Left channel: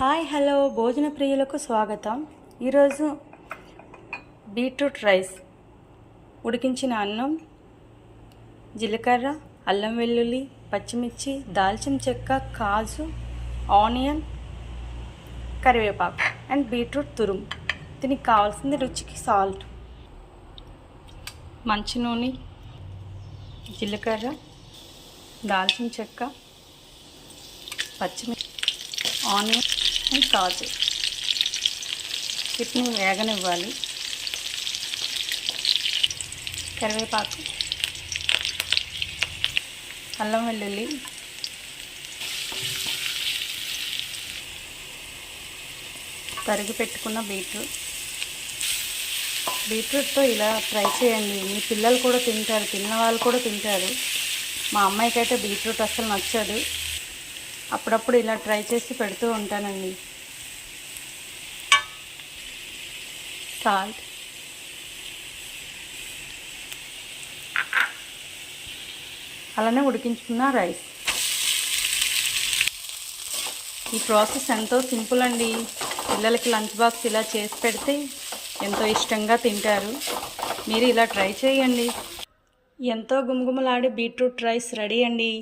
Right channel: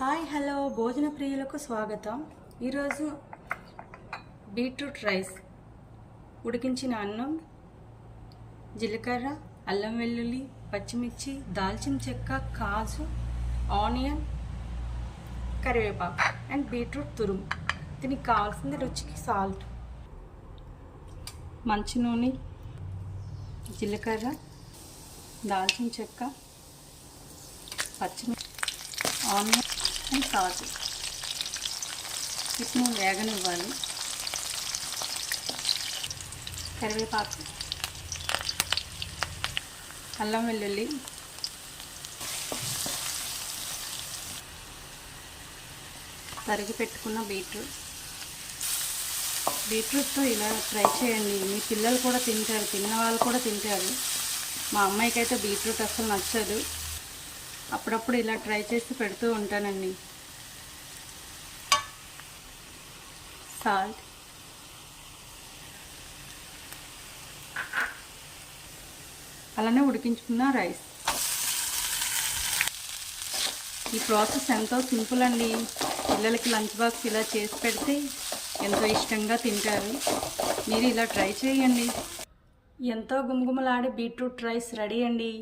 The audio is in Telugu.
హాయ్ హలో భోజన ప్రియులకు స్వాగతం. ఈరోజు బీట్రూట్ రైస్ ఉడికించిన అన్నం జీలకర్ర అల్లం వెల్లుల్లి పచ్చిమిర్చి దాల్చిన చెక్క కాజు ఆనియన్ కరివేపాకు అండ్ బీట్రూట్ తురుము. దీనికి కావాల్సింది రుచికి సాల్ట్. మంచి నూనె జీలకర్ర దాల్చిన చెక్క పచ్చిమిర్చి ఆనియన్ అండ్ కాజు. వీటిని వేగనివ్వాలి. కరివేపాకు. అల్లం వెల్లుల్లి. తరిగి పెట్టుకున్న బీట్రూట్. బీట్రూట్తో ఇలా ట్రై చేయండి. మీ పిల్లలు కూడా తింటారు తిన్న వాళ్ళు కూడా తింటారు. మా అమ్మాయికి అయితే బీట్రూట్ అస్సలు నచ్చదు. అప్పుడప్పుడు ఇలా ట్రై చేసి పెడుతూ ఉంటానండి. సాల్ట్. అలానే ఉడికించుకున్న రైస్. ఈ ప్రాసెస్ ఎంతో సింపుల్ అండి. పిల్లలకి లంచ్ బాక్స్ ఇలా చేసి పెడితే ఎంతో ఇష్టంగా తింటారు. మీరు ఇలా ట్రై చేయండి. ఎంతో గుమగుమలాడే బీట్రూట్ రైస్ రెడీ అండి.